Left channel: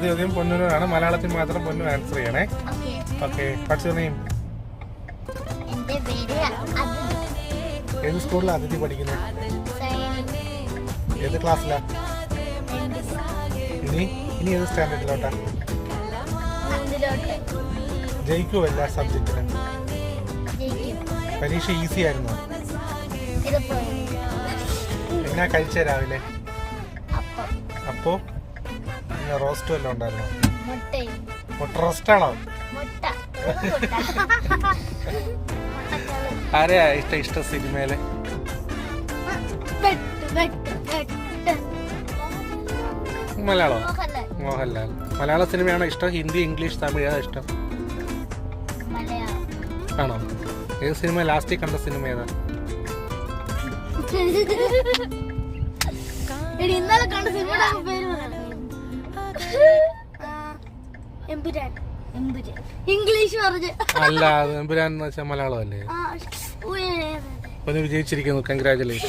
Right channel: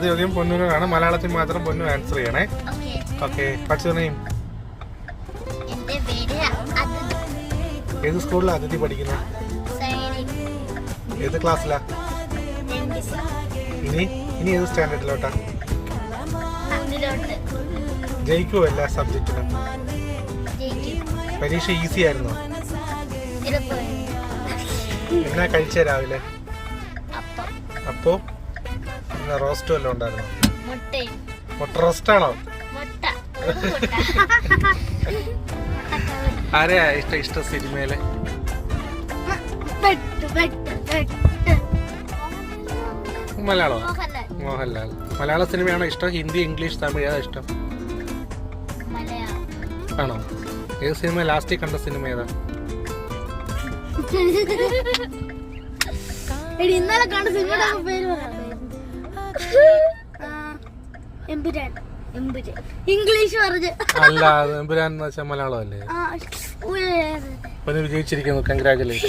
അടുത്ത ചോദ്യം പൊന്നുവിനാണ്. മലയാളത്തിൽ മാത്രം പൊന്നു ആൻസർ ചെയ്യണേ. ഓക്കെ. Watts name? ഏത് സ്കൂളിലാണ് അതിഥി പഠിക്കുന്നത്? ഏത് ക്ലാസ്സിലാ? ഇനി ഏത് സ്റ്റാൻഡേർഡിലോട്ടാ? ജയിക്കുമോ എല്ലാ സബ്ജക്റ്റിലും? പരീക്ഷ ഈസി ആയിരുന്നോ? എന്നാ കഴിച്ച രാവിലെ? അപ്പോ റോസ്റ്റ് വല്ലതും ഉണ്ടായിരുന്നോ? മുട്ട റോസ്റ്റാണോ? ആരെയാ ഇഷ്ടം സിനിമയിലെ? മലയാളം? മോഹൻലാൽ. മലയാള സിനിമയാണോ ഇഷ്ടം? ഹിന്ദി, ഇംഗ്ലീഷ്, തമിഴ് ഏതാ ഇഷ്ടം? ആണോ? ഏത് സിനിമ ലാസ്റ്റ് കണ്ട സിനിമ ഏതാ? ഇന്നലെ കണ്ട സിനിമയുടെ പേര് ഇംഗ്ലീഷ് പറഞ്ഞു. അല്ല, എമ്പുരാൻ എന്ന് വെച്ചാൽ മലയാളം അല്ലേ? വിജയിച്ചിരിക്കുന്നു. കൺഗ്രാജുലേഷൻ.